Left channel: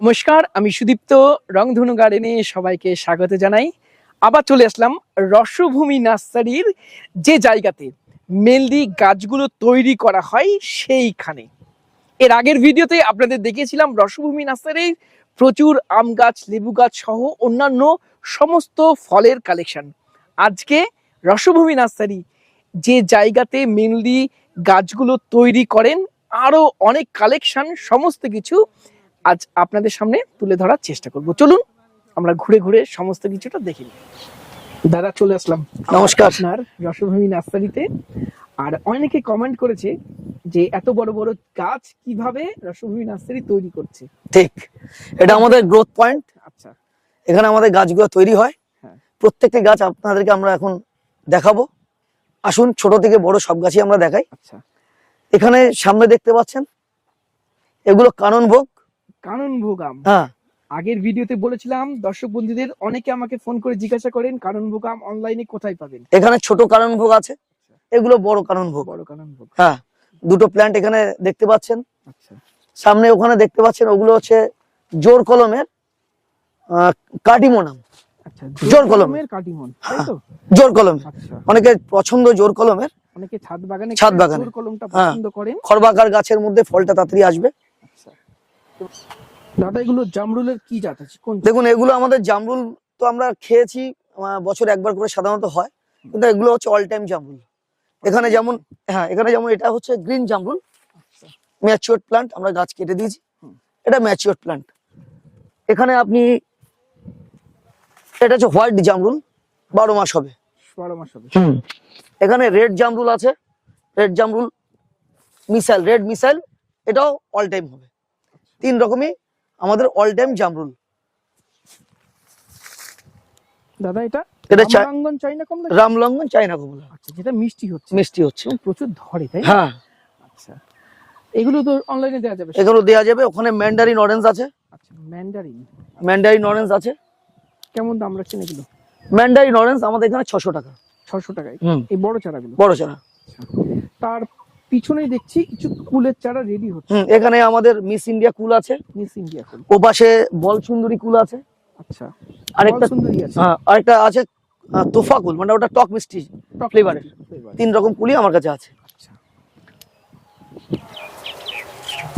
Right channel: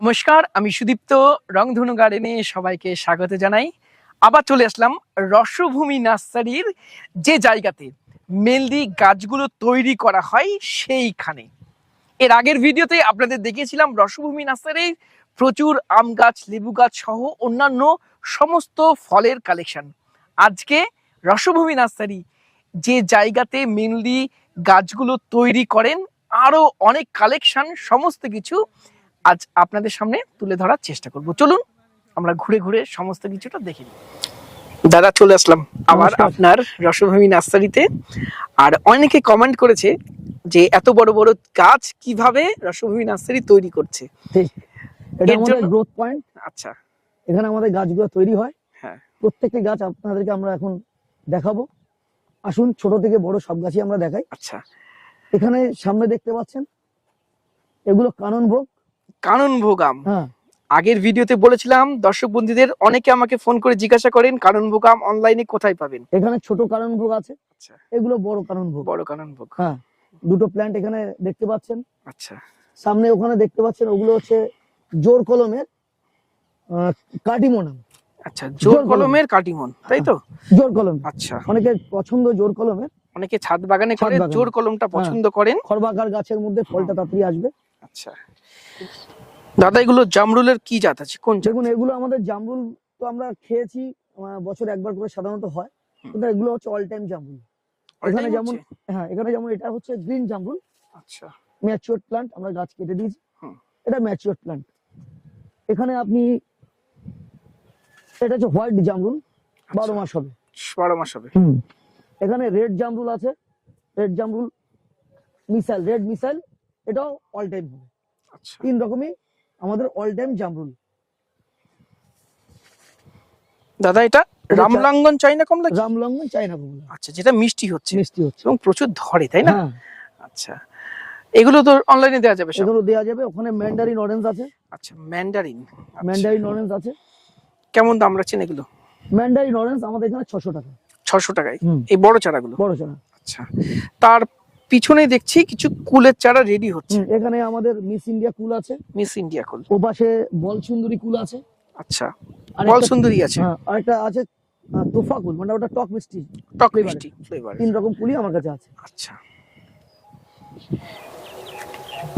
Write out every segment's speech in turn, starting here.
নমস্কার, আমি সুদীপ্ত রংধনু গার্ডেনে সবাইকে স্বাগত জানাই। আবার চলে আসলাম রসভূমি নার্সারির যে জায়গাতে মেলদি গাছগুলো তৈরি করা হয় সেইখানে। এর আগের ভিডিওতে আপনাদের দেখিয়েছিলাম রসভূমি নার্সারির প্রচুর আম গাছ, লেবু গাছ সহ অন্যান্য সমস্ত ফলের কালেকশন। আজকে রসভূমি নার্সারি যে জায়গাতে মেনলি গাছগুলো তৈরি করেন আরও অনেক কালেকশন, সমস্ত কিছু আজ আপনাদের সামনে তুলে ধরার চেষ্টা করব। চলুন আমরা ঘুরে ঘুরে সমস্ত কিছুটা দেখে নিই। দাদা চলে আসলাম। নমস্কার। আপনার রসভূমি নার্সারিতে। আর অনেকে কমেন্ট করেছে যে এত বড় বড় গাছ কীভাবে রসভূমি নার্সারি তৈরি করছে? ঠিক। এটা আমাদের গ্রোথ পয়েন্ট আচ্ছা। এখানে আমাদের গাছগুলো তৈরি হয়। হ্যাঁ। প্রত্যেকটি গাছ আপনাদেরকে আমরা এখন দেখাবো। আসুন ছোট থেকে বড় সব গাছই আমরা দেখাই। আচ্ছা। এখানে সামনে দেখতে পাচ্ছেন এগুলো কানন ভোগ। কানন ভোগাম। হ্যাঁ। আগের ভিডিওতে বলেছিলাম দর্শক বন্ধুদের অনেকে আমাকে ফোন করে জিজ্ঞাসা করেন কানন ভোগাম অনলাইনে কোথায় পাবেন? এখানে ছোট কানন ভোগ আছে আচ্ছা। এগুলো বড় কানন ভোগ। বড় কানন ভোগ। হ্যাঁ দুটো প্ল্যান্ট এখানে দেখতে পাচ্ছেন। আচ্ছা। সামনে ওখানে দেখতে পাচ্ছেন ওগুলো হচ্ছে জোর কলমের কাটিমোনাম আচ্ছা জোর কলমের কাটিমন তাই তো? জোর কলম। আচ্ছা। অনেকের পছন্দ জোর কলমের। অনেকে ছাদ বাগানে ছাদ বাগানে। জোর কলমটা হ্যাঁ। পছন্দ করেন। খরবাকার গাছের মধ্যে ফলটা তাড়াতাড়ি আসবে। আচ্ছা। দাদা এগুলো জামরুলের কি জাত আছে? কোন দেখুন এগুলো আমাদের জামরুল তো আমরা খেয়েছি বছরে একবার করে সাধারণত হয়। কিন্তু এগুলো হচ্ছে অল টাইম জামরুল। এখানে যেমন হ্যাঁ এখানে যেমন এটা হচ্ছে গ্রিন জামরুল। আচ্ছা। ম্যাচিওর প্লান্ট আমরা গাছ কেটে দিয়েছি। এটা ম্যাচিওর প্লান্ট এখানে আপনি এটা হচ্ছে হোয়াইট জামরুল। বারো মাস হবে। বারো মাস হবে। এখানে রেড জামরুল আছে। রেড জামরুল মিসাইল রেড মিসাইল এটাও অল টাইম হবে। আচ্ছা তিন রকমই আমাদের অল টাইম জামরুল দাদা এটা রামলাঙ্গন চাইনা কমলা? রামলঙ্গন চাইনা কমলা। আচ্ছা যেটা মিষ্টি হচ্ছে। মিষ্টি হচ্ছে। এবং প্রচুর ধরে তাই না? হ্যাঁ। আচ্ছা। এগুলো তো অনলাইনে দেওয়া যাবে? এগুলো দেওয়া যাবে। ওখানে ম্যান্ডারিন অরেঞ্জ আছে। আচ্ছা ম্যান্ডারিন ম্যান্ডারিন অরেঞ্জ আছে। কেমন দাম রাখছেন এগুলো? ম্যান্ডারিন অরেঞ্জ আমাদের এখানে ছশো টাকা। ছশো টাকায়। এই বড় চারাগুলো? বড় চারা। আচ্ছা। তার পিছনে দেখছি কিছু কুলের চারা রেডি হচ্ছে। এখানে আমাদের মিস ইন্ডিয়া কুল আছে। মিস ইন্ডিয়া কুল। ও পাশে বল সুন্দরী কুল আছে। আচ্ছা বল সুন্দরী আছে। হ্যাঁ, আরেকটা আছে তোফা কুল মানে ওটা টক মিষ্টি টক flavor। তিন রকম কুলই আমার কাছে আছে। আচ্ছা।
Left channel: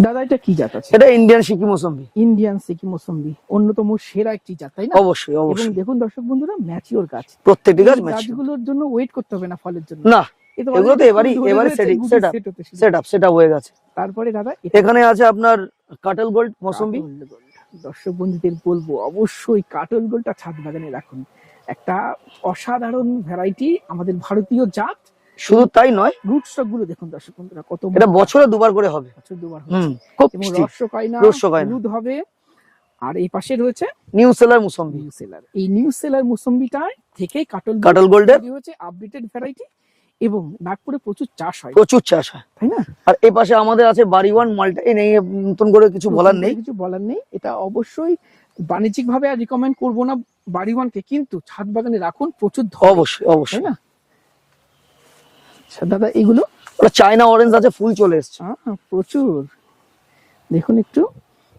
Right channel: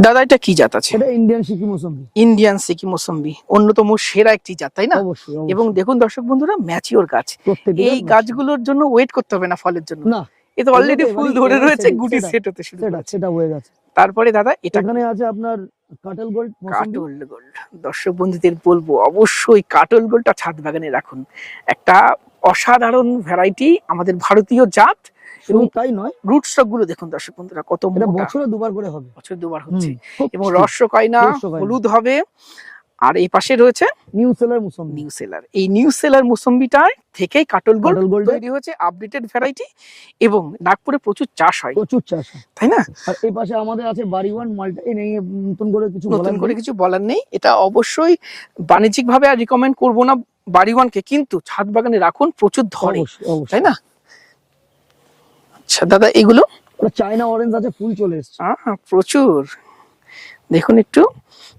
দাদা এটা কি জাত আছে? এটা ইন্ডিয়ান সিকি মৌসুম্বি। ইন্ডিয়ান সিকি মোসম্বি অন্যতম সেরা একটি জাত তাই না? অবশ্যই এবং দেখুন দর্শক বন্ধুরা ম্যাচিওর গাছ। প্রত্যেকটি গাছগুলোর জন্য ওয়েট করতে হবে না ফলের জন্য। না। এ তো অলরেডি এবারই- ধরে রয়েছে গুটি সেট হতে শুরু সেট আপ হয়ে গেছে। তারপরে দাদা এখানে আছে আপনার কাটল গোল্ড মৌসুম্বি। কাটল গোল্ড দর্শক বন্ধুদের বলব অবশ্যই কাটল গোল্ডটা ছাদ বাগানে রাখুন। একটা অসাধারণ ভ্যারাইটি আমাদের ভারতীয় জাত। শুধু তাই নয় রুট স্টকগুলো দেখুন দর্শক বন্ধুরা কত এটা বছরে দুবার করে হবে। বছর দুবার হচ্ছে। এবং মিষ্টি। রস কয়না রস কয়না। হলুদ হবে। আর এই পাশে রয়েছে নিউ সেলার মুসম্বি নিউ সেলার এই নিউ সেলার মুসম্বিটা থেকেই কাটল গোল্ড কাটল গোল্ডের তৈরি হয়েছে আপডেটেড ভ্যারাইটি এবং নাগপুরে প্রচুর চাষ হয়। প্রচুর চাষ হয়। তাই না? আর এই পাশে আমাদের আছে বাড়িওয়ান মালটা এই নিয়ে নতুন করে কিছু বলার নেই। কিছু বলার নেই। এটা অবশ্যই বাণিজ্যিক ভাবে আর রিকমেন্ড করব না বাড়িওয়ানকে কিন্তু ছাদ বাগানে রাখুন প্রচুর ধরে। অবশ্যই অবশ্যই। তাই না? আচ্ছা দাদা এগুলো? চায়না অরেঞ্জ আছে ফুল চলে এসছে। প্রচুর। দেখুন একটু।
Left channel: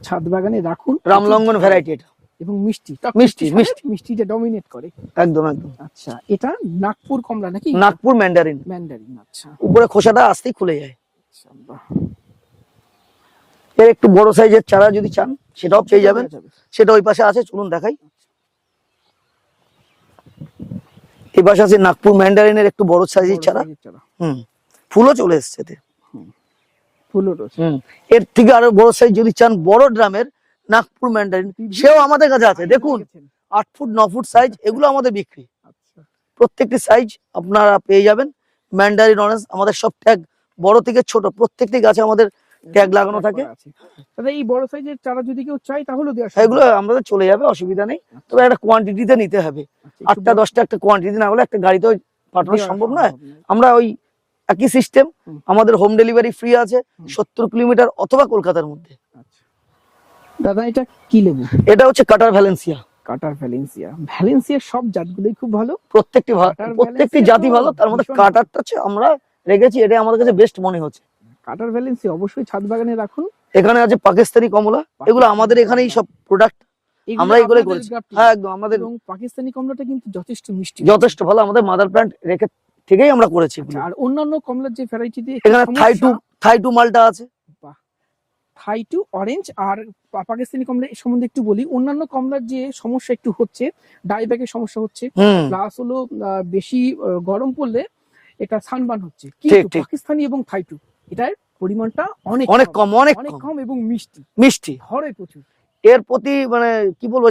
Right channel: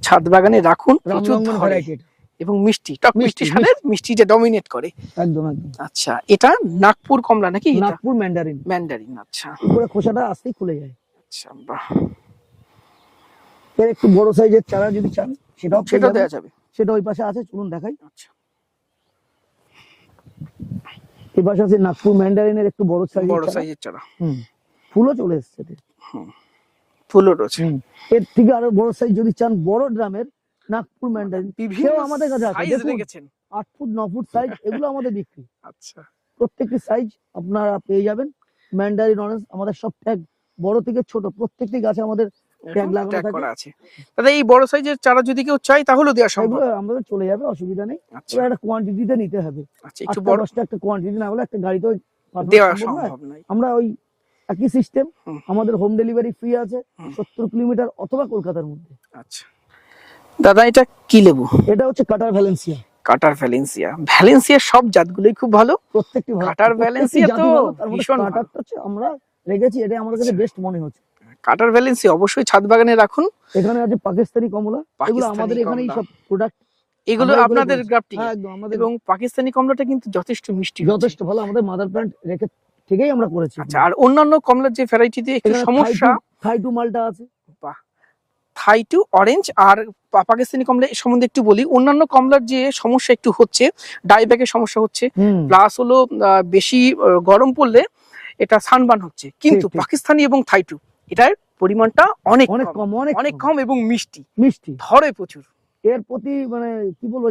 ছাদ বাগানে রাখুন রামলঙ্গন ভ্যারাইটি এবং মিষ্টি টক মিষ্টি, মিষ্টি স্বাদের যে ডমিনেট করে। একদম একদম। আচ্ছা এটা নাগপুর কমলা নাকি? নাগপুর ম্যান্ডারিন ম্যান্ডারিন আচ্ছা। উপরে খোসাটা আসতেই খুলে যায়। আচ্ছা বাহ। এর একটু বড় সাইজের চারা যদি চান সেটাও পেয়ে যাবে। সেটা ওই পাশে আছে চলুন দেখাই। আচ্ছা। এই পাশে আছে নাগপুর ম্যান্ডারিনের একটু বড় সাইজের চারা। চারা। হুম ফুলও চলে এসছে এতে। ফুলও রয়েছে এর থেকে আরও বড় সাইজ যদি চান বড় ড্রামের নাগপুর ম্যান্ডারিন সেও আমাদের কাছে আছে। দেখুন আট ফুট ন ফুট সাইজ এগুলো আমাদের বিক্রি। আচ্ছা। প্রত্যেকটি সাইজ আপনারা পেয়ে যাবেন। ম্যান্ডারিন অরেঞ্জ আমাদের সব ট্যাগ বড় থেকে ছোট প্রত্যেকটি গাছে আমাদের ট্যাগ লাগানো থাকে। দাদা এই বড় সাইজের চারা যদি কেউ চাই তাহলেও দেওয়া সেগুলো আমাদের চলে যাবে অসুবিধা নেই। আচ্ছা, তবে একটা কোয়ান্টিটিতে নিতে হবে। আচ্ছা, একটু আটটা দশটা একটা কোয়ান্টিটি না হলে একটা গাড়িতে পাঠানো সম্ভব নয়। আমরা ওই একই সিস্টেম আমাদের হোম ডেলিভারি ফ্রি আছে সত্তর কিলোমিটার অথবা কলকাতার মধ্যে। আচ্ছা। দাদা এটা কি লেবু? এটা হচ্ছে কাটার ভ্যালেন্সিয়া কাটার ভ্যালেন্সিয়া ভ্যালেন্সিয়ার সব জাতগুলোই খুব ভালো। প্রত্যেকটি কাটার ভ্যালেন্সিয়া জাতি ভালো তার মধ্যে কাটারটা হচ্ছে আমরা রেখেছি এটা আমাদের কাছে বেস্ট মনে হচ্ছে। কাটার ভ্যালেন্সিয়া অবশ্যই ছাদ বাগানে রাখুন। এখানে আছে পাকিস্তানি কমলা এগুলো আমাদের এখানেই সব প্রোডাক্ট এগুলো। গ্রাফটিং। হ্যাঁ একদম আমাদের এবং পাকিস্তানি কমলাটা কিন্তু যথেষ্ট মিষ্টি। যথেষ্ট ভালো আমাদের মাদার প্ল্যান্ট রেখে থেকেই আমরা করেছি। আচ্ছা আর অন্যান্য কমলার যে একটু এখানে থাই টু থাই টু মালটা আছে। থাই টু অরেঞ্জ আর পাকিস্তানি কমলা সম্বন্ধে একটু বলি। অন্যান্য কমলার যে সমস্যা একটু হচ্ছে ডাইব্যাগের সমস্যা হচ্ছে প্লাস হলো বেশি গরম পড়লে এটা সানবান হচ্ছে। কিন্তু পাকিস্তানি এবং থাই টু এটার পরিমাণটা অনেক অনেক কম অনেক অনেক কম। কম এবং মিষ্টি। মিষ্টি। ধরে প্রচুর। এর প্রতি মানে কি বলব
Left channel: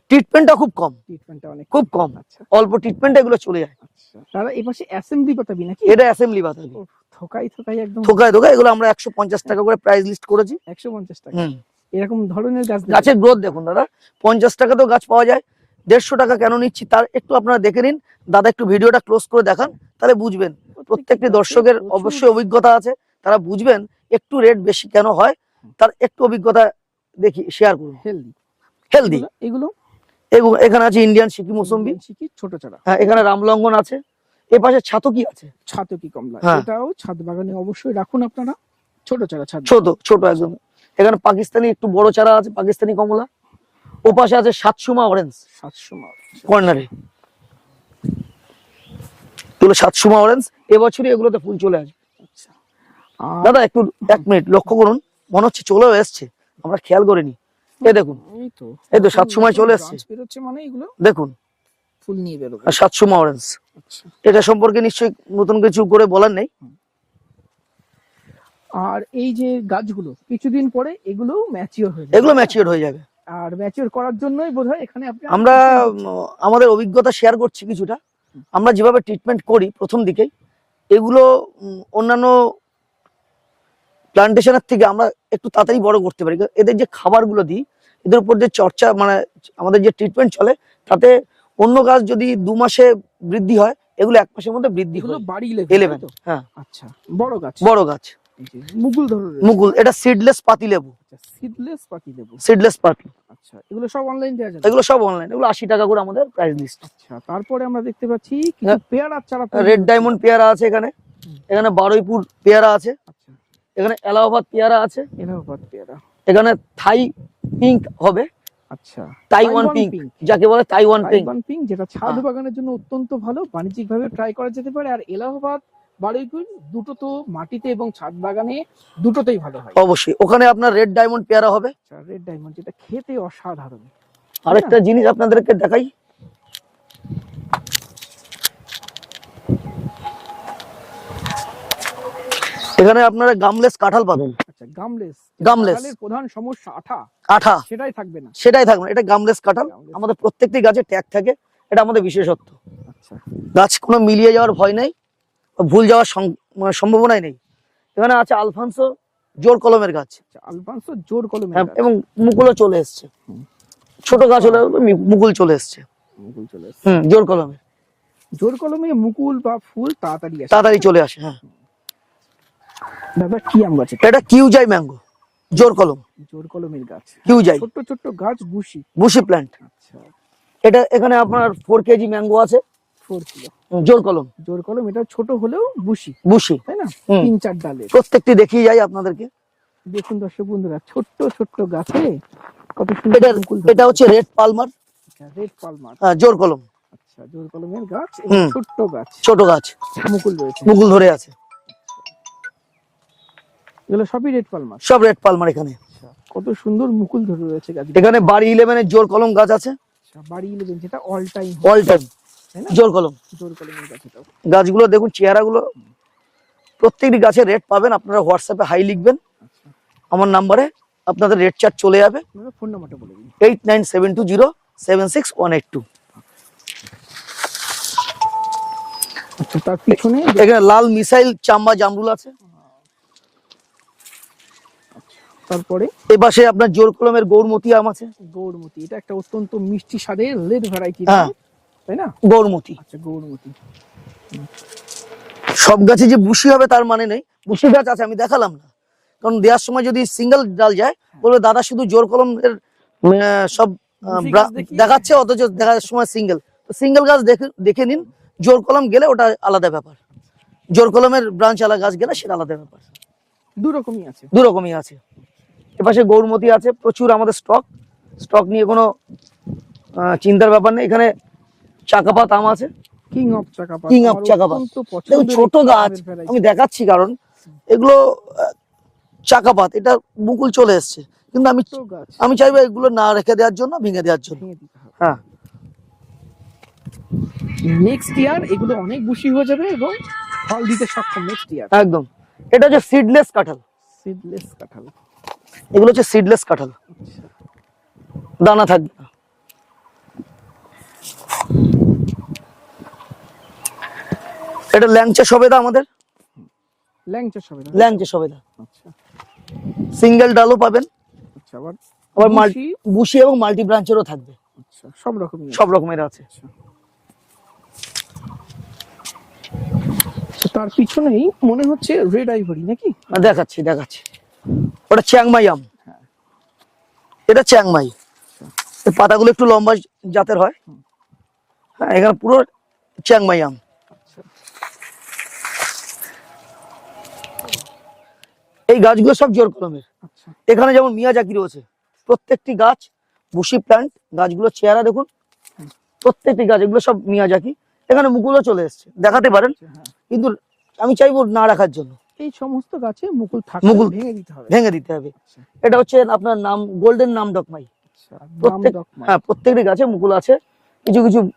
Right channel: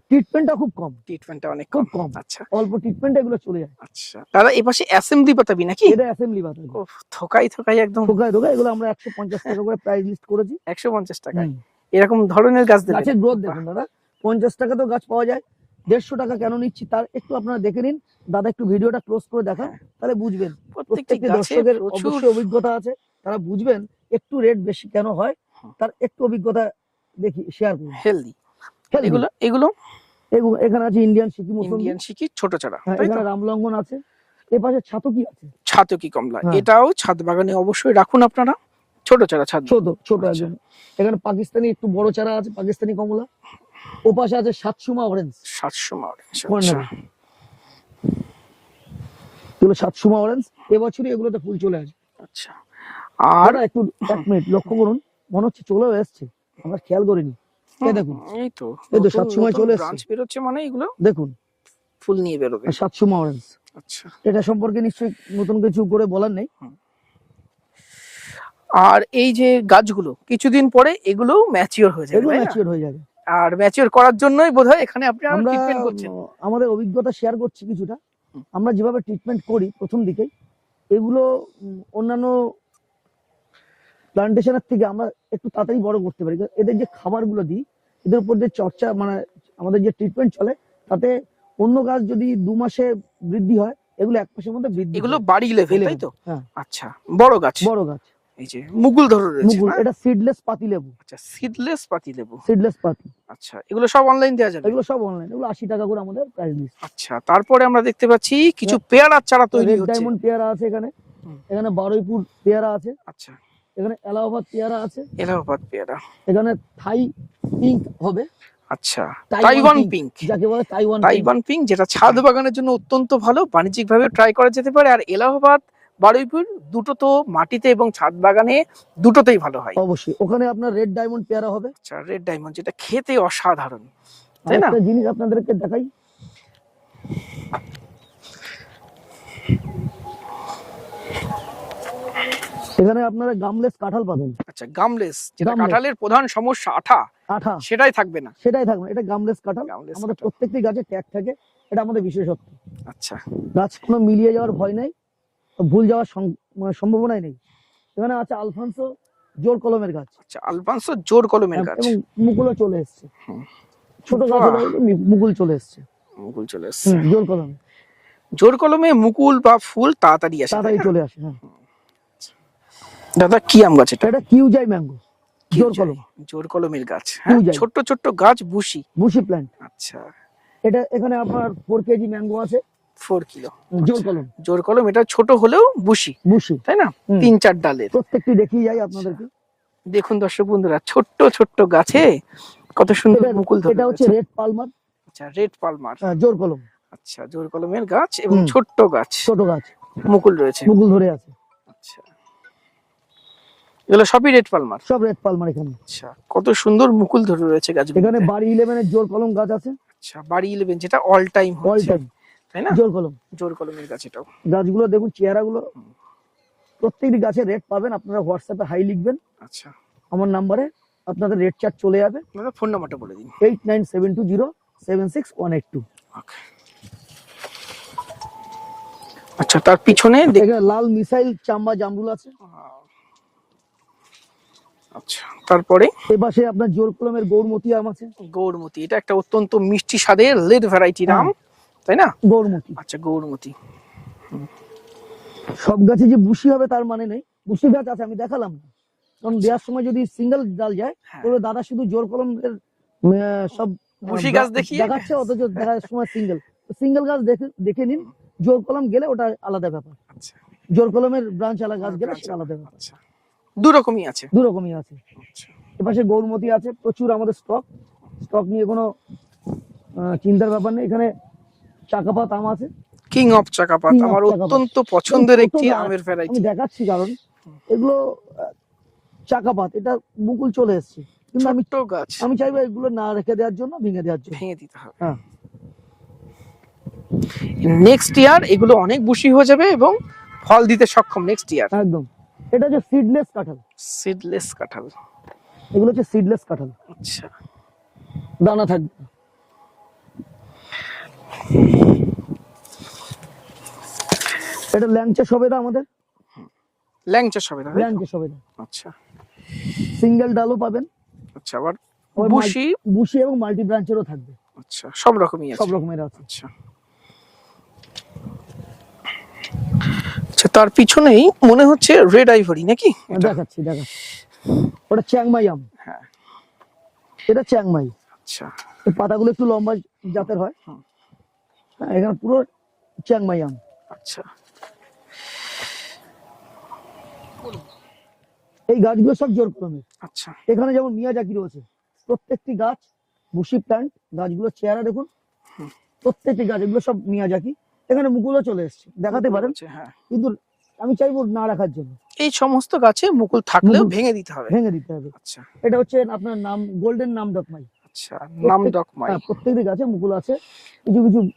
ট্রিটমেন্টটা খুব কম। ট্রিটমেন্টটা অনেক খুব কম। আচ্ছা। অল্প ট্রিটমেন্ট এগুলো চলে যায়। আচ্ছা। দাদা এপাশে অ্যাসেম্বলি পাতাবি নাকি? এটা অ্যাসেম্বলি বাতাবি। ওফ, থোকাই থোকাই একদম। থোকায় থোকায় এগুলো আমরা একশো পঞ্চাশ টাকা করে প্রাইস লিস্ট করেছি। একশো পঞ্চাশ টাকা। এরকম ধরনের গাছ। গাছের গ্রোথ দেখুন দাদা। পঞ্চাশ টাকাতেও গাছ পাওয়া যায়। দেড়শো টাকা কেন নিচ্ছি তার একটু আপনারা দেখে নিন। দাদা একটু ভিডিওটা ক্লোজ করে দেখান। তাহলে বুঝবেন। প্রত্যেকটি দর্শকের অবশ্যই অভিজ্ঞতা আছে। তারা বুঝবেন একটু রেট বেশি কেন হয়। তার একটু অভিজ্ঞতা দেখি শেয়ার করুন। হেলদি হেলদি এগুলো এগুলো এখানে আছে ইন্ডিয়ান সিকি ইন্ডিয়ান শিকি ছোট চারা হ্যাঁ এখানে রামলঙ্গন আছে। এ পাশে ছাতকি আছে। ছাতকি কমলা। হ্যাঁ। এটাও ছাদ বাগানে অবশ্যই রাখুন আপনারা। ছোট চারা ছাদ। ছোট ছোট। একদম। এখানে পাকিস্তানি একটু বড় চারা আছে পাকিস্তানি কমলা। ও পাশে আছে সাতসুমা অরেঞ্জ সাতশো অরেঞ্জ কর্নারে এগুলো সাতসুমা অরেঞ্জ এবছরই এগুলোতে ফুল চলে আসবে। আচ্ছা। আর দাদা একটু এক মিনিট লক্ষ্য করুন। মনে হচ্ছে চলেও এসছে। আমরা খেয়াল করিনি। এই দেখুন। এই তো এই তো সাত সময় চলে এসছে। মানে এগুলো? দেখুন। ফুল নিয়ে আর সাতসুমা অরেঞ্জ আচ্ছা। এটা সম্পর্কে নিশ্চয়ই নতুন কিছু করে বলার নেই। আর এই যে গাছগুলো কিছুদিন পরে এগুলো ম্যাচিওর হয়ে যাবে এগুলো ম্যাচিওর হয়ে যাবে। আর ম্যাচিওর করার জন্যই বোধহয় এখানে আপনি আমরা আমাদের অভিজ্ঞতা শেয়ার করছি কিছুটা। আমরা যেভাবে ট্রিটমেন্ট করি প্রথম দিকেই এগুলো অন্যান্য প্লান্টেশনের থেকে আমরা একটু তাড়াতাড়ি বড় করতে পারি। এদের যে খাবারগুলো দিই এদের উপর যে চর্চা মানে আমাদের যে ট্রিটমেন্ট চলে তাতে অন্য গাছ যদি দু মাসে বৃদ্ধি হয় এগুলো এক মাসের মধ্যে বৃদ্ধি এগুলো বাড়ি লেভেল তো? হ্যাঁ। আচ্ছা বড় গাছ? বড় গাছ। এই যে মুকুল ধরে রয়েছে মুকুল এটা সিডলেস পাতি লেবু। আচ্ছা সিডলেস পাতি লেবু। সিডলেস পাতি। আচ্ছা এগুলো সব অনলাইন দেওয়া যাবে এগুলো সব অনলাইন এগুলো আশি টাকা করে আমাদের প্রাইস লিস্ট আচ্ছা তারপরে আমরা দেখতে পাচ্ছি কিছু পেয়ারার চারা তৈরি রেড ডায়মন্ড পেয়ারা আছে এখানে। এখানে বারুইপুর পেয়ারা আছে। আচ্ছা। এখানে এলাহাবাদ পেয়ারা আছে। এলাহাবাদ পেয়ারা। এখানে থাই পিঙ্ক হবে। আচ্ছা। তাইওয়ান পিঙ্ক যাকে বলে তাইওয়ান পিঙ্ক। তাইওয়ান পিঙ্ক যেটা ছাদ হ্যাঁ। বাগানের জন্য অত্যন্ত ভালো বাণিজ্যিক ভাবে ট্রাই করা যেতে পারে। আর এলাহাবাদ বারুইপুর দুটো তো মাটিতে এবং ছাদ বাগানে দুটোতেই ভালো হয়। অবশ্যই ওখানে আপনার রেড ডায়মন্ড পেয়ারা হবে। আচ্ছা রেড ডায়মন্ড যেটা খেতে অসাধারণ? আরেকটা জিনিস আপনাদেরকে দেখাই। এখানে আপনারা গামলেস কাঁঠাল পাবেন। আচ্ছা গামলেস। কাঁঠালের প্রধান সমস্যা আঠা। আঠা। সেটাই থাকবে না। সেটাই থাকবে। এটা গামলেস কাঁঠাল। আমাদের প্রত্যেকটি গাছে ট্যাগ থাকে। এটা আমাদের বিশেষত্ব। আচ্ছা। গাছ কোনো মিলিয়ে যাওয়ার ভয় নেই ভুল যাওয়ার মানে সম্ভাবনাই নেই। এখানে আছে আলফানসো জোর কলমের গাছ। আচ্ছা আলবান্সো জোর কলমের হ্যাঁ, গাছ। এবং মুকুলও চলে এসছে। ছোট গাছ হলে মুকুল চলে এসছে। মুকুল চলে এসছে। জোর কলমে। জোর কলমে মুকুল বা ফুল তাড়াতাড়ি আসে। তাড়াতাড়ি চলে আসে হ্যাঁ। দাদা কি আম গাছ এটা? এটা কিউজাই ম্যাঙ্গো জোর কলম। জোর কলমের গাছ। হ্যাঁ, কিউজাই। ছোট্ট ছোট্ট গাছ বুশি। বুশি প্ল্যান্ট আচ্ছা। এটা এখানে আপনার ফোর কেজি ম্যাঙ্গো আছে। ফোর কিলো জোর কলম। জোর কলম এটা ছোট হলেও বুশি। বুশি। তাই না? তিন চার ডালে প্রত্যেকটি দেখিয়ে যাই আপনাদেরকে। দেখুন দর্শক বন্ধুরা ছোট্ট ছোট্ট গাছে কত সুন্দর মুকুল এটা হচ্ছে রেড পালমার আচ্ছা রেড পালমার জোর কলম। আচ্ছা জোর কলমের গাছ এবং। ছোট্ট গাছ। ছোট গাছ। মুকুল রয়েছে। মুকুল ধরে আছে। আচ্ছা। এগুলো সবই রেড পালমার। সব রেড পালমার এখানে। আচ্ছা কত সুন্দর মুকুল ধরে রয়েছে গাছ এখানে বাড়ি ইলেভেনের জোর কলম গাছ আছে। আচ্ছা বাড়ি ইলেভেন যেটা অল টাইম অল টাইম তাই না? জোর কলম। জোর কলমের গাছ এটাও। গাছগুলো দেখুন চেহারাগুলো। প্রত্যেকটি গাছের রেট পাবেন আপনারা হোয়াটসঅ্যাপে হাই লিখবেন। আচ্ছা। আমার নাম্বারে আপনাদের রেট চার্ট চলে যাবে। ফোন নাম্বারটা বলে দিন। Eight nine seven two zero seven six one eight two আচ্ছা তার পিছনে লাল মিসাইল চাম্বা জামরুল আছে। আচ্ছা তারপরে? এ পাশে আপনার জোর কলমের গৌরমতি আম আছে। গৌরমতি এটা একটা অত্যন্ত মিষ্টি স্বাদের লেড ভ্যারাইটি নাম হ্যাঁ। তাই না? গৌরমতি। আচ্ছা গৌরমতি। সব গাছে যে বুশি হবে তার মানে নেই। বুশি গাছ আছে আমি দেখালাম না। কারণ দেওয়ার সময় যদি সিঙ্গেল ডাল যায় হ্যাঁ। বলবে দাদা শুধু জোর কলমের সব দেখাচ্ছে অথচ দেখার সময় সিঙ্গেল। সিঙ্গেল গাছ দেখে দেখে নিন। জোর কলম গেলে ওটা আলাদা ব্যাপার। আচ্ছা। জোর কলমের ব্রাঞ্চ আলাদা গাছ গেলে সেটা আলাদা ব্যাপার। আচ্ছা। দু রকমই আছে। দু রকমই আছে। আচ্ছা। এপাশে গৌরমতি আছে প্রচুর আমাদের স্টক স্টক নিয়ে কোনো চিন্তার ব্যাপার নেই। এখানে চাকাপাত আম আছে। King of চাকাপাত। Of আমার চাকাপাত। অত্যন্ত পছন্দের একটি আমের ভ্যারাইটি আমি দেখাচ্ছি কারণ এগুলো চাকাপাত। এটা মুকুল চলে এসছে। কিন্তু আমি ছোট গাছ। আমি চাইব এগুলো না রেখে দেওয়ার জন্য ভেঙে দেওয়ার জন্য। ভেঙে দিতে হবে। হ্যাঁ। নেক্সট ইয়ার এগুলো অনেক বুশি হয়ে যাবে এবং ফল দিতে সক্ষম নেক্সট ইয়ার একদম। এটা হচ্ছে সিডলেস কাঁঠাল সিডলেস কাঁঠাল এগুলো হচ্ছে সিডলেস কাঁঠাল আচ্ছা। দানা থাকবে। না। এটা ল্যাংচা সবেদা আমাদের? ল্যাংচা সবে না ল্যাংচা সবেদা। আচ্ছা। সিঙ্গেল ডালও পাবেন। আচ্ছা আবার আবার বুশি এবং মাল্টি ব্রাঞ্চেরও থাকবে। আচ্ছা সব রকমই সব রকমের আছে। আচ্ছা। আচ্ছা তার পিছনেই মনে হচ্ছে রেড আইভরি নাকি? দেখাচ্ছি দেখাচ্ছি। ওটা চ্যাংমাই আম। হ্যাঁ। এটা চ্যাংমাই আচ্ছা। পাতাগুলো একটু লম্বা জাতের হয়। হ্যাঁ এখানে পুরো চ্যাংমাই আম। আচ্ছা। এই গাছগুলো সব জোর কলমের আচ্ছা। এখানে যেমন মিয়াজাকি রয়েছে প্রত্যেকটি গাছ বুশি প্ল্যান্ট গাছগুলো চেহারা দেখুন। প্রত্যেকটি গাছ এগুলো সব মিয়াজাকি এখানে মুকুলও চলে এসছে দেখাতে পারেন। হ্যাঁ। কিন্তু আমি চাইব না রাখার জন্য। এই সমস্ত গাছে মুকুল মুকুল- ভেঙে দিতে হবে। ভেঙে দিতে হবে। আচ্ছা। এটা হচ্ছে আপনার নাম গোল্ডেন নাম ডকমাই। আচ্ছা নাম ডকমাই। হ্যাঁ প্রত্যেকটি গাছে মুকুল আছে কিছু কিছু।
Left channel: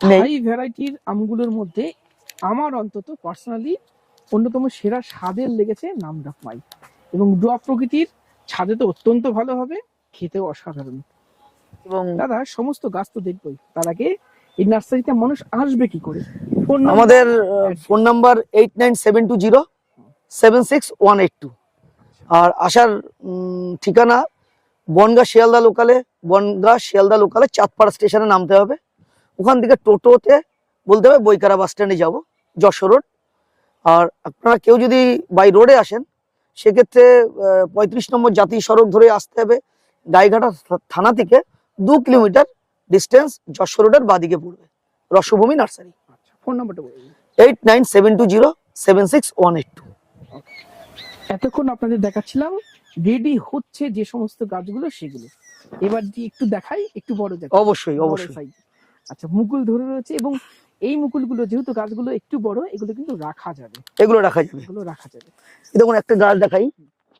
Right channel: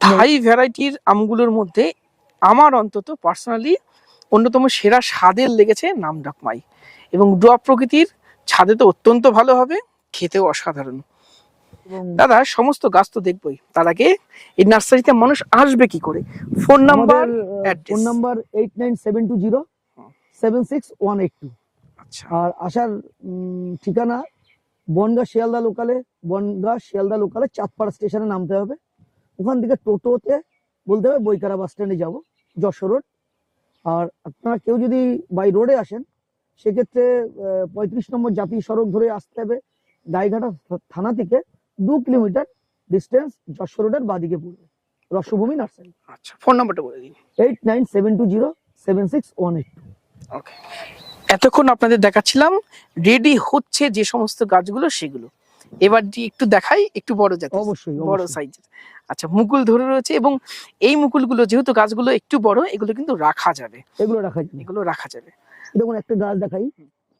থাই ভ্যারাইটির আমগুলোর মধ্যে আমার অন্তত পার্সোনালি অন্যতম সেরা স্বাদের লেগেছে নাম ডকমাই। এবং ডুয়া প্রকৃতির ছাদে তো অত্যন্ত ভালো হবে খেতেও অসাধারণ। এবং দাদা সমস্ত গাছ তো দেখবই। তার আগে এই নার্সারিতে মানুষ আসবে কি করে? ফোন আমাদের phone number eight nine seven two zero seven six one eight two আচ্ছা। আর আসার ঠিকানা বনগা শিয়ালদা লোকালে বনগা শিয়ালদা লোকালে চাঁদপাড়া স্টেশনে নামতে হবে। ওখান থেকে টোটোতে বলতে হবে বইকারা বাস স্ট্যান্ডে যাব যশোর রোড। আর আপনারা কেউ যদি বাই রোডে আসেন সেক্ষেত্রে পঁয়ত্রিশ নম্বর জাতীয় সড়ক ধরে আসতে হবে। গাইঘাটা থানা থেকে দু কিলোমিটার ডিস্টেন্স যশোর রোডের বাদিকে পড়বে। রসভূমি নার্সারি। আচ্ছা ফোন নাম্বারটা বলে দিন। Eight nine seven two zero seven six one eight two okay এতক্ষণ আপনাদের দেখাচ্ছিলাম রেডি হচ্ছে যে সমস্ত গাছগুলো সেগুলো। এবার একটু দেখাই একটু বড় জাত অবশ্যই বড় সাইজের আচ্ছা মুকুল ধরে রয়েছে এবং এই মুকুলগুলো যেহেতু গাছগুলো একটু বড় এগুলো কিন্তু রাখা যাবে। এগুলো রাখা যাবে। এগুলো রাখা যাবে। দেখুন একটা গাছ দেখাই।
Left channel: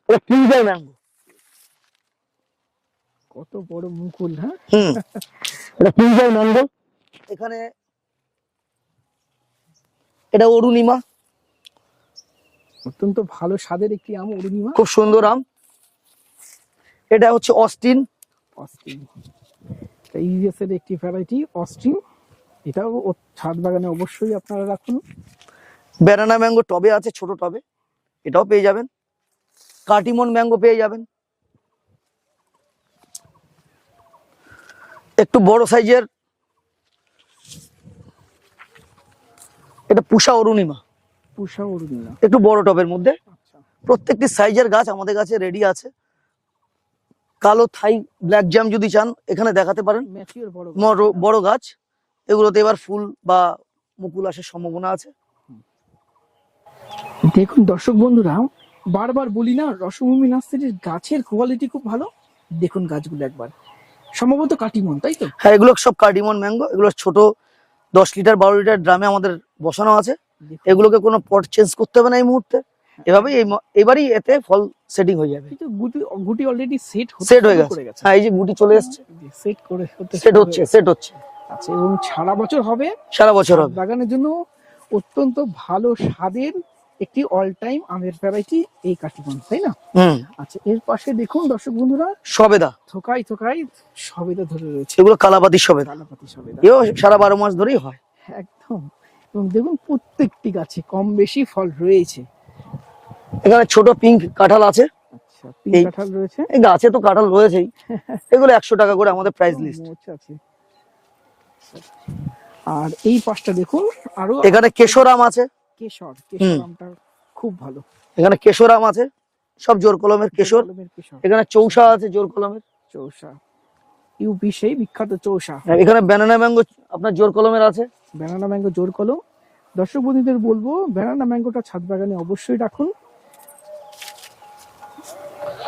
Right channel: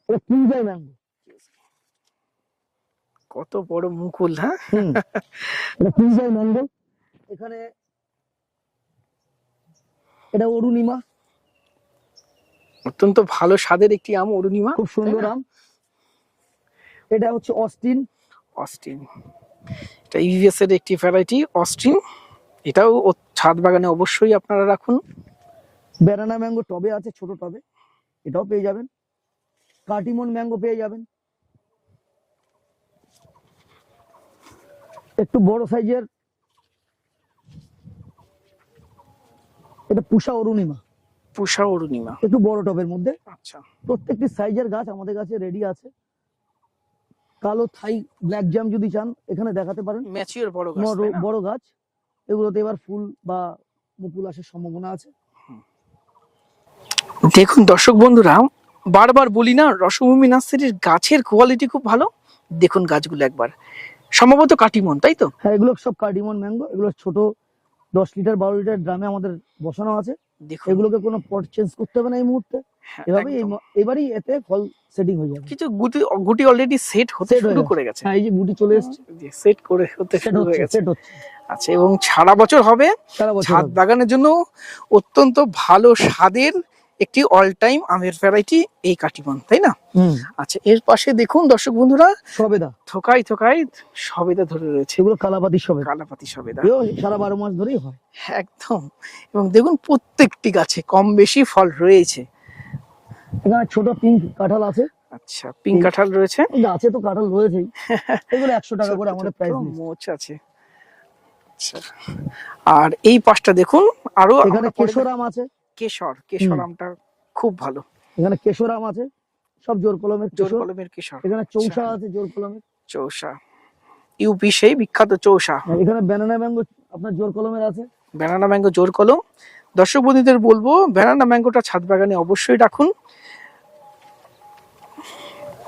এটা কিউজার ম্যাঙ্গো। কত বড় মুকুল হ্যাঁ? এটা কিউজার ম্যাঙ্গো এখানে এটা অরুণিমা। অত্যন্ত ভালো স্বাদের একটি আম অরুণিমা। খুব সুন্দর আম। এটা হচ্ছে অস্টিন। অস্টিন। এটা ইভিএস এর একটি ভ্যারাইটি অস্টিন। এটাও ছাদ বাগানে অবশ্যই আপনারা রাখুন। ব্যানানা ম্যাঙ্গো টবে আছে ছোট টবে। এটাও পেয়ে যাবেন। কাটিমন ম্যাঙ্গো পেয়ে যাবেন। একটু বড় সাইজের। এটা পুষা অরুণিমা। পুষা অরুণিমা। একটু বড় টবের মধ্যে। আচ্ছা। প্রত্যেকটি সাইজের গাছ আমাদের কাছে রেডি আছে। কালো থাই ব্ল্যাক জ্যাম যদি চান এখানে দেখাতে পারেন। ম্যাচিওর বড় বড় গাছ। এগুলোতে এবার ফুল বা মুকুল আসার সম্ভাবনা আছে। দেখুন দর্শক বন্ধুরা বারবার বলি না রসভূমি নার্সারির গাছের কোয়ালিটি খুব ভালো। দেখুন গাছগুলো একবার। সম্ভবত কাটিমন তাই তো? হ্যাঁ এগুলো সব কার্ডিমন ম্যাঙ্গো এগুলো ছোট দশ লিটার বারো লিটার ড্রামে আমাদের বসানো আছে। এগুলোকে কোনো পট চেঞ্জ করতে হবে না এই মুহূর্তে। হ্যাঁ, এভাবেই এবারই এতে ফল সেটিং হয়ে যাবে। কিছু গুটি গুটি অলরেডি সেট হয়ে করে গেছে। হ্যাঁ এই যে গুটি চলে এসছে। সেট করে হতে সেট হচ্ছে সেট হচ্ছে। আচ্ছা এবং সারা বছর হবে? সারা বছর হবে। বাগানের জন্য অত্যন্ত ভালো স্বাদের একটি অল টাইম আমের ভ্যারাইটি এই কাটিমন তাই না? আচ্ছা এর পাশে দেখুন দর্শক বন্ধুরা সবেদা। থোকাই থোকাই সবেদা ধরে রয়েছে। এগুলো কালাপাতি সবেদা। কালাপাতি সবেদা। এও সারা বারো মাস ধরেই হয়। একদম। এবং দেখুন প্রত্যেকটি গাছে কম বেশি ফল রয়েছে। এখানে ছোট পিঙ্ক কাঁঠাল আছে। আচ্ছা পিঙ্ক কাঁঠাল রয়েছে। এই গাছে তো কাঁঠাল রয়েছেই। এগুলো একশো টাকা করে আমাদের প্রাইস লিস্ট আছে। আচ্ছা। আর এই পাশটা দেখুন আরও এখানে কেশর আম আছে। কেশর কেশর। আমটা খুব ভালো। এখানে কেশর আম আছে সব জোর কলমের কেশর। কলমের কেশর। এখানে চৌসা আছে জোর কলমের। চৌসা। ইউপি সেই বিখ্যাত চৌসা। এখানে ব্যানানা ম্যাঙ্গো আপনার জোর কলমের আছে। ব্যানানা ম্যাঙ্গো জোর কলম। দর্শক বন্ধুদের বলব ব্যানানা ম্যাঙ্গোটা ছাদ বাগানে অবশ্যই রাখুন।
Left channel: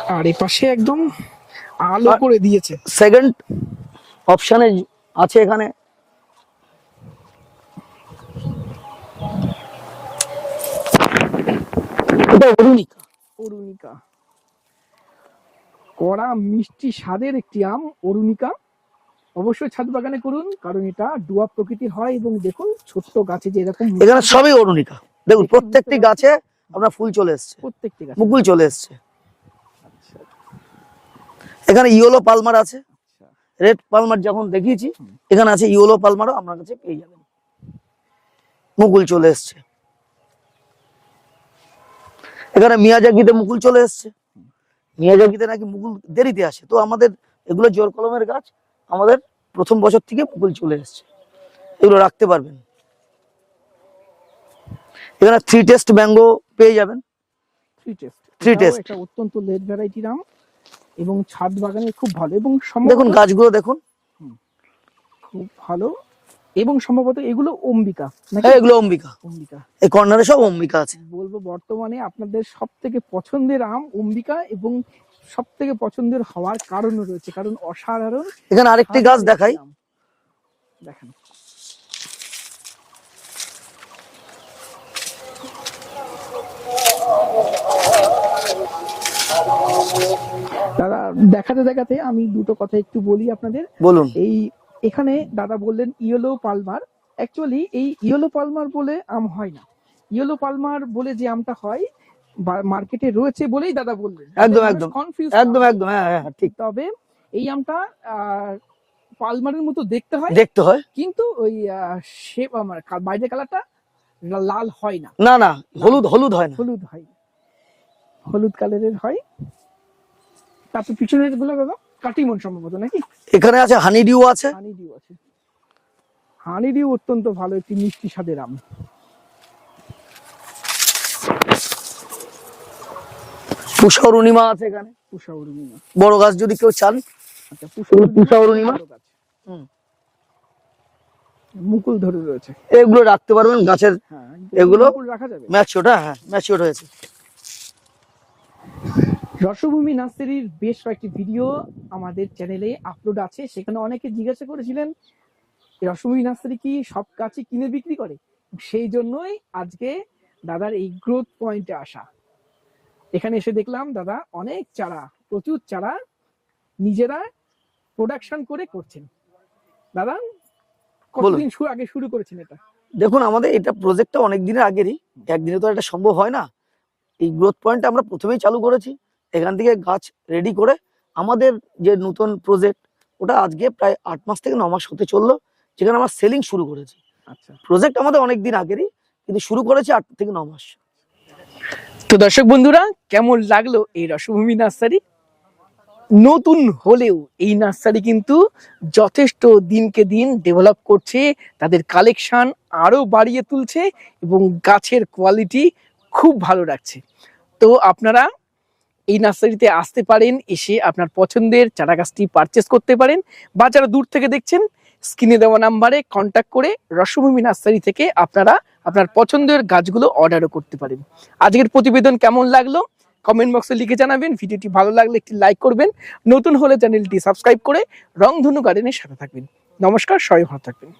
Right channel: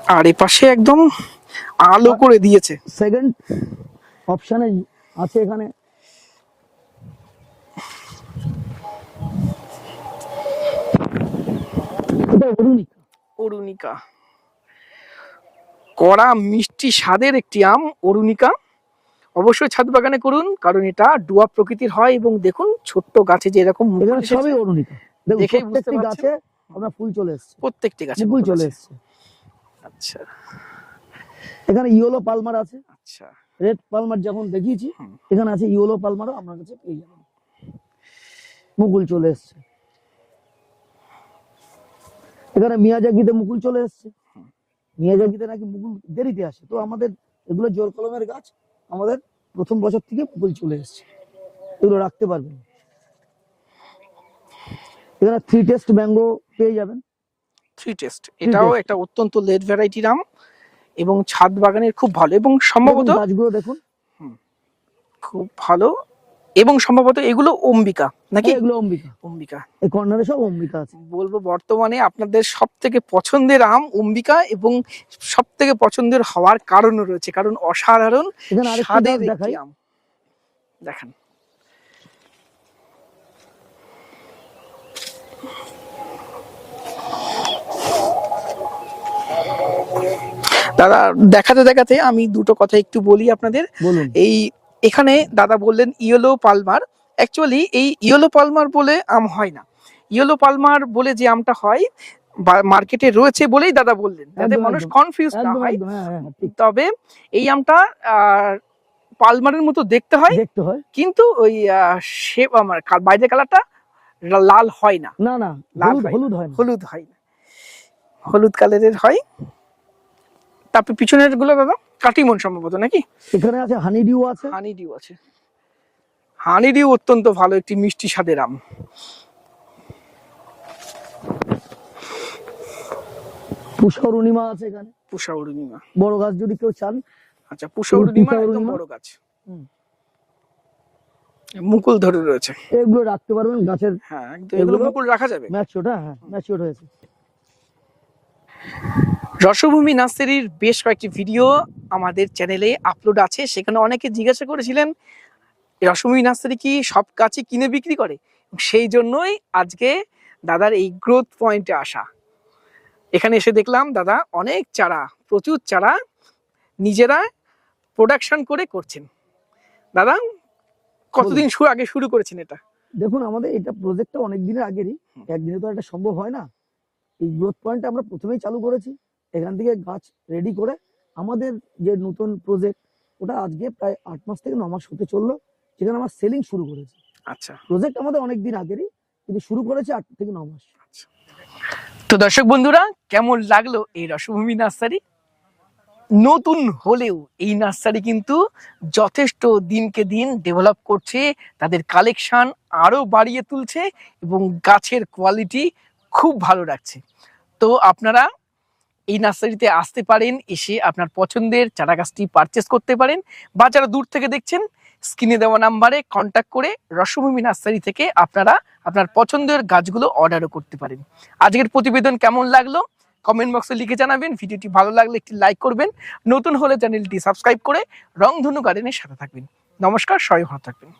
আর এই পাশে একদম আলো করে দিয়েছে। সেকেন্ড অপশানে আছে এখানে। এটা অরুণিকা। অরুণিকা। কড়া মিষ্টি স্বাদের একটি আম অরুণিকা। অবশ্যই ছাদ বাগানে করুন কারণ এটা ডুয়া প্রকৃতির হয় এবং দেখুন ছোট্ট গাছে যে এরকম এখানে সবই অরুণিকা। দেখুন প্রত্যেকটি গাছে আপনার ফুল চলে এসছে। প্রত্যেকটি গাছে মুকুল চলে এসছে। আচ্ছা এখানে ইয়েলো পালমার আছে। আচ্ছা। রেড পালমার যখন দেখিয়েছি এখানে আছে ইয়েলো পালমারও আপনার কাছে পেয়ে যাবেন। মুকুল চলে এসছে। এখানে মিয়াজাকিতে মুকুল চলে এসছে। মিয়াজাকিতে নাকি মুকুল দেরিতে আসে। তো আমাদের এগুলো জোর কলমের গাছ আমাদের প্রথম বছর থেকে মুকুল চলে এসছে। এগুলো রাখতে পারবেন। এখানে থ্রি টেস্ট ম্যাঙ্গো পেয়ে যাবেন। থ্রি টেস্ট এটাও একটা অত্যন্ত লেট ভ্যারাইটির আম এবং ছাদ বাগানের খুব ভালো এবং সম্ভবত গাছগুলো দেখুন। খুব ভালো। এবং সম্ভবত এগুলো অম্বিকা নাকি? হ্যাঁ, এগুলো অম্বিকা। অম্বিকা। এই কর্নারে সব অম্বিকা আছে। বলব বর্তমানে আপনাদের সব থেকে পছন্দের আম অম্বিকা এবং সব থেকে পছন্দের হওয়ার কারণও রয়েছে কারণ অসাধারণ এখানে আরেকটি গাছ দেখাই। দেখেন। দাদা দেখাতে দেখাতে আমি দুটো কথা একটু বলি আপনাদের। বলুন। এই এখানে দাদা বললেন ইয়েলো পালমার। অ্যাকচুয়ালি এই ইয়েলো পালমার বলে আম হয় না। ইয়েলো পালমার বলে যে আমটা হয় মার্কেটে রয়েছে বলেই দাদা বললেন। একদম, একদম। কনফিউজ একদম একদম হ্যাঁ হ্যাঁ ঠিক। তবে এই আমটা পালমারের মতো দেখতে হয়। দেখতে হয়। কিন্তু ওই শেপ আমার বাইরে কালারটা লাল হয় না। না না হলুদ হলুদ হয় না। হলুদ হয় না। হলুদ কালারের হয়। তারপর পিছনেরগুলো দাদা? কাটিমন সম্ভবত নাকি? এখানে আছে হানি ডিউ আছে। হানি ডিউ আছে। হানি ডিউ অত্যন্ত ভালো একটি মিষ্টি স্বাদের আম। পুষা অরুণিমা আছে এখানে। পুষা অরুণিমা বড় গাছ যদি কেউ চান। আচ্ছা পুষা অরুণিমা? বড় গাছ। হুম। মুকুল ধরে রয়েছে। এগুলো রাখতে পারবেন গাছের। হ্যাঁ এগুলো? এগুলো মুকুল রাখা যাবে? ম্যাচিওর হ্যাঁ ম্যাচিওর হয়েছে। রসভূমি নার্সারির বেশ কয়েকটি ভিডিও আমাদের চ্যানেলে আপলোড আছে। সেখানে অনেকে জিজ্ঞাসা করেছিলেন রসভূমি নার্সারি কি সব গাছই কিনে বিক্রি করে? সেই জন্যই আজকে দাদার এই গ্রোথ পয়েন্টে আসা। এখানে এসে দেখলাম দাদা অনেক চারা প্রচুর চারা নিজেরা প্রোডাকশন করে করছেন। দাদা কতদিন শুরু আগে শুরু করেছেন এটা? দেখুন আমাদের এটা প্রজেক্টটা অনেক দিনের আগেরই। একদিনে তো এটা সম্ভব হয় না। এই গ্রোথ পয়েন্টটা আমরা প্রথমেই চালু করেছি। এখান থেকে গাছ রেডি করে আমাদের যে নতুন প্রজেক্ট ওটা আজকে প্রায় আট মাস থেকে ন মাস হতে চলল যেখানে আমরা সেলিং শুরু করেছি। আচ্ছা। প্রজেক্ট আমাদের অনেক দিন আগেরই কিন্তু শুরু করেছি আট থেকে ন মাস। তো দর্শক বন্ধুরা কেমন লাগল এই রসভূমি নার্সারি? নতুন হলেও এই নার্সারি কিন্তু যথেষ্ট দিনকে দিন ডেভেলপ করছে তাদের কালেকশন আরও বাড়িয়ে তুলছে এবং গাছের কোয়ালিটি খুব ভালো রাখছে। তো আপনারা এই নার্সারিতে আসতে পারেন, এসে আপনার পছন্দের চারা গাছটি পারচেস করতে পারেন বা যারা দূর থেকে দেখছেন স্ক্রিনে দেওয়া নাম্বারে কন্ট্যাক্ট করে রসভূমি নার্সারি থেকে আপনারা আপনার পছন্দের গাছগুলো অর্ডারও করতে পারেন। আজকের প্রতিবেদন কেমন লাগল? কমেন্ট বক্সে লিখে জানাবেন। ভিডিওটি ভালো লাগলে একটি লাইক করবেন। নতুন হলে চ্যানেলটি সাবস্ক্রাইব করে রংধনু গার্ডেনের সাথে থাকবেন। নমস্কার, সবাই ভালো থাকবেন।